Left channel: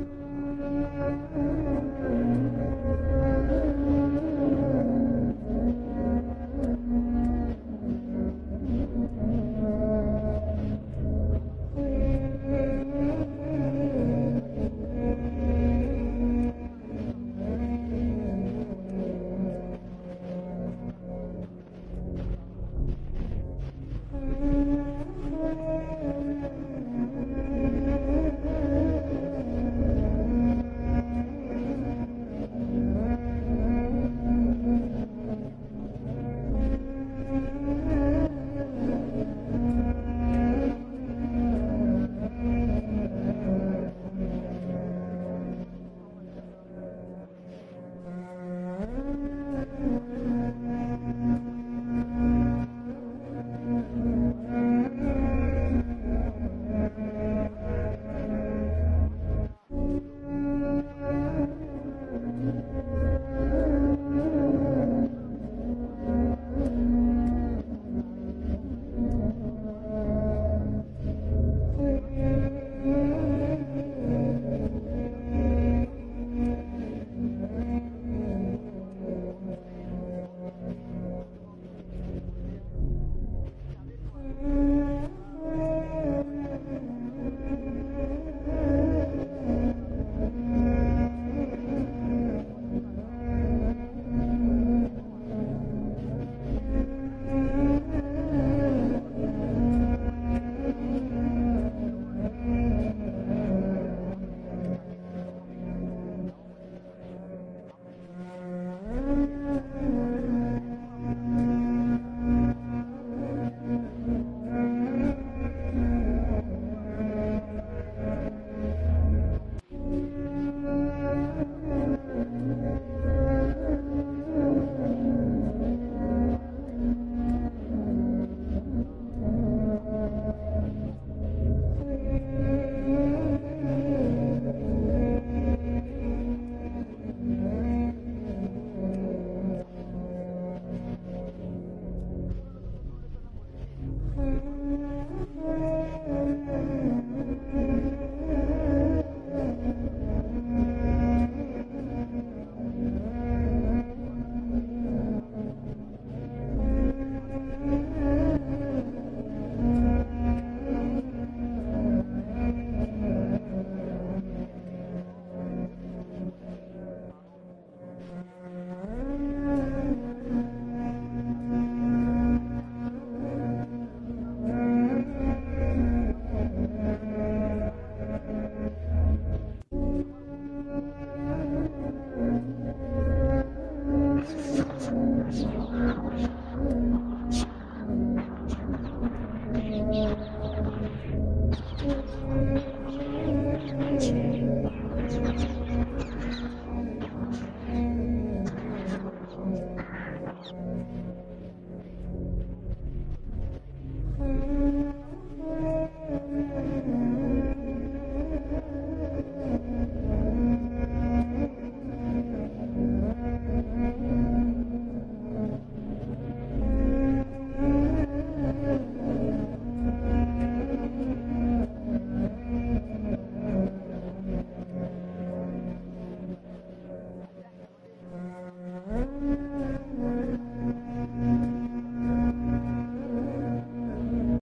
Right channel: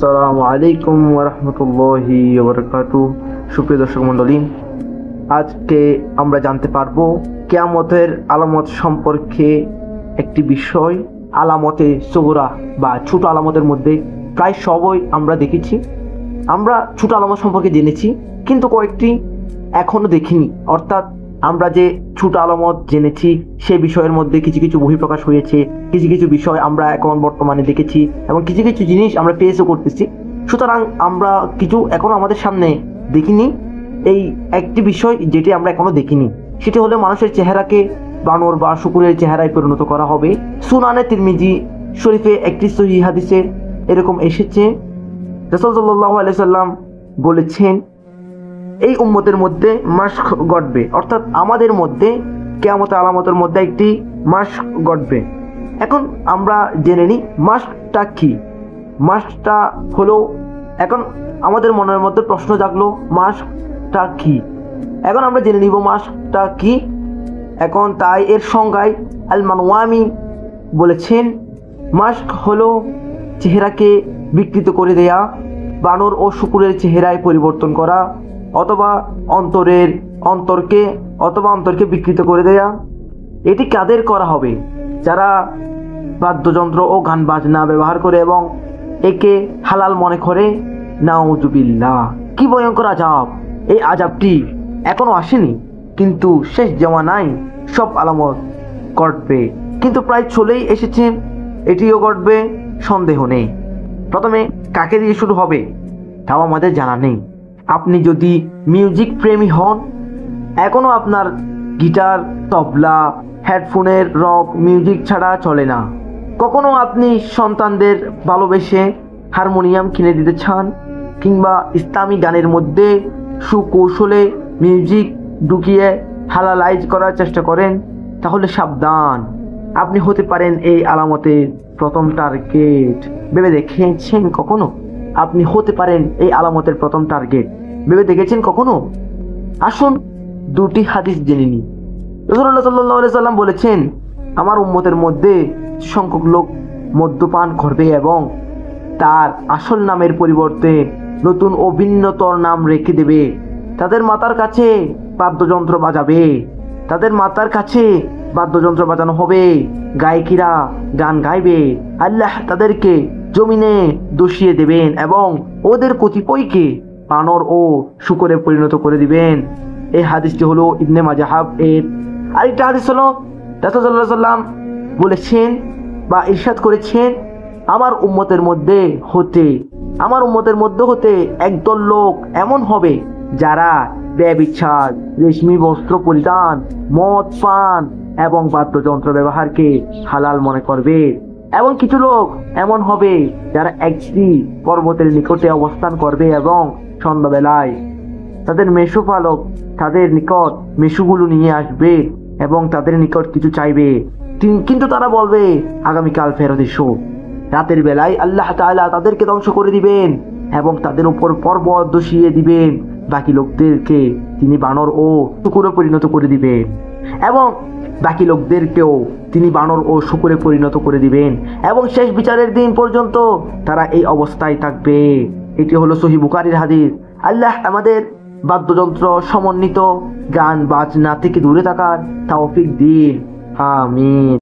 আসসালামু আলাইকুম ওয়া রাহমাতুল্লাহি ওয়া বারাকাতুহু। সুপ্রিয় দর্শক মণ্ডলী, আজকে আমরা জানতে পারবো কিয়ামতের আলামত সম্পর্কে একটি বিষয়। আলামতে সুগরা বা ছোট আলামতের মধ্যে প্রায় সবই আমরা দেখেছি। আমরা ছোট আলামত সম্পর্কে জেনেছি, কিন্তু কয়েকটি এখনো দেখিনি। অর্থাৎ আমরা যে ছোট আলামত জেনেছি সে বিষয়ের মধ্যে কিছু কিছু বহিঃপ্রকাশ হয়েছে, কিছু কিছু বিষয় আমরা এখন বর্তমানে দেখেছি এবং কিছু কিছু জিনিস আমরা পেয়েও করতেছি। সুতরাং আমরা কিছু এখনো আমাদের সামনে দেখিনি। এই একটি বিষয় যেটি আমরা এখনো দেখিনি, সেটি হলো মানুষের চেহারাকে বানর বা শুকুরের চেহারায় পরিণত করা হবে। সুনানে তিরমিজি শরীফে একটি সহিহ হাদিসে এরকম এসেছে, রাসূল সাল্লাল্লাহু আলাইহি সাল্লাম বলেছেন, এই উম্মতের মধ্যে মাস্ক ঘটবে, অর্থাৎ আমাদের মধ্যে কিয়ামতের আলামতের মধ্যে একটি মাস্ক ঘটবে। এখন আমরা জেনে নিই মাস্কটা কি। মাস্কটা হলো, এখন আমাদের মনের মধ্যে প্রশ্ন জাগলো মাস্কটা কি। এখন আমরা জেনে নিব মাস্কটা কি। এখন তাই এর সংজ্ঞায় আল মানওয়ামি বলেছেন, মাস্ক হলো চেহারাকে বিকৃত করে দেয়া, বানর ও শুকুরের চেহারায় পরিবর্তন করা, অথবা অন্তরকে বিকৃত করে দেয়া। এটি কাদের করা হবে? যারা বাদ্যযন্ত্র ও গান বাজনা ব্যবহার করে এবং একে হালাল মনে করে। নাউজুবিল্লাহ, কি ভয়ঙ্কর আযাব! এই আযাবটি এখনো আসেনি, কিন্তু শেষ জামানায় সব আলামত ঘটবে, কিন্তু প্রায় চলেই এসেছে। এটিও ঘটবে, সন্দেহ নেই। প্রথমে কাকে দিয়ে শুরু হবে তাও আমাদের জানা নেই। আপনি যদি মিউজিক প্রেমী হন, এখনো আপনার গিটার, তবলা, হেডফোনের রক মিউজিক ছাড়া চলে না। কখনো আপনি সন্তানদের ভালোবেসে হারমোনিয়াম কিনে দিতে চান, কিংবা ইসলামী গানের মধ্যে সুকৌশলে মিউজিক ঢুকিয়ে হালালাইজ করার চেষ্টা করেন, তাহলে সাবধান, আপনি হতে পারেন এই আলামতের প্রথম টার্গেট। ভেবে দেখেছেন কখনো? আপনি হতে পারেন এই আলামতের প্রথম টার্গেট। ভেবে দেখেছেন কখনো? আসুন দুটি হাদিস জেনে নিই। রাসূলুল্লাহ সাল্লাল্লাহু আলাইহি সাল্লাম বলেছেন, আমার উম্মতের মধ্যে সংখ্যক লোক মদ্যপান করবে এবং তার আসল নামের পরিবর্তে নতুন ও ভিন্নতর নাম রেখে দেবে। তাদের মাতার কাছে বাদ্যযন্ত্র বাজানো হবে, গায়িকীরা গান গাইবে। আল্লাহ তাদেরকে জমিনে দোষিয়ে দেবেন এবং ওদের কতিপয়কে বানর ও শুকরে পরিণত করে দিবেন। এই হাদিসটি হলো ইবনে মাজাহ এর। আরেকটা হাদিস হলো, রাসূল সাল্লাল্লাহু আলাইহি সাল্লাম বলেছেন বা ইরশাদ করেছেন, আমার উম্মতের মধ্যে হতে একদল লোক এমন হবে যারা ব্যভিচার, রেশমি বস্ত্র পরিধান, মদ পান এবং বাদ্যযন্ত্র ব্যবহারকে হালাল মনে করবে। এবং কিছু লোক এমন হবে যারা একটি পর্বতের নিকটে অবস্থান করবে এবং সন্ধ্যাবেলায় তাদের মেষপালক তাদের নিকট মেষগুলো নিয়ে আসবে এবং তাদের নিকট কিছু চাইবে, কিন্তু তারা বলবে, আগামীকাল ফেরত এসো। রাতের বেলায় আল্লাহ তাআলা তাদেরকে ধ্বংস করে দিবেন এবং তাদের উপর পর্বত ধসিয়ে দিবেন। বাকি লোকদেরকে তিনি বানর ও শুকুরে পরিণত করে দিবেন এবং শেষ বিচারের দিন পর্যন্ত তারা এই অবস্থায় থাকবে। এটি হলো সহিহ বুখারীর হাদিস। আল্লাহ আমাদের বাদ্যযন্ত্র সমন্বিত গান বাজনা থেকে দূরে থাকার তৌফিক দিন। আমিন।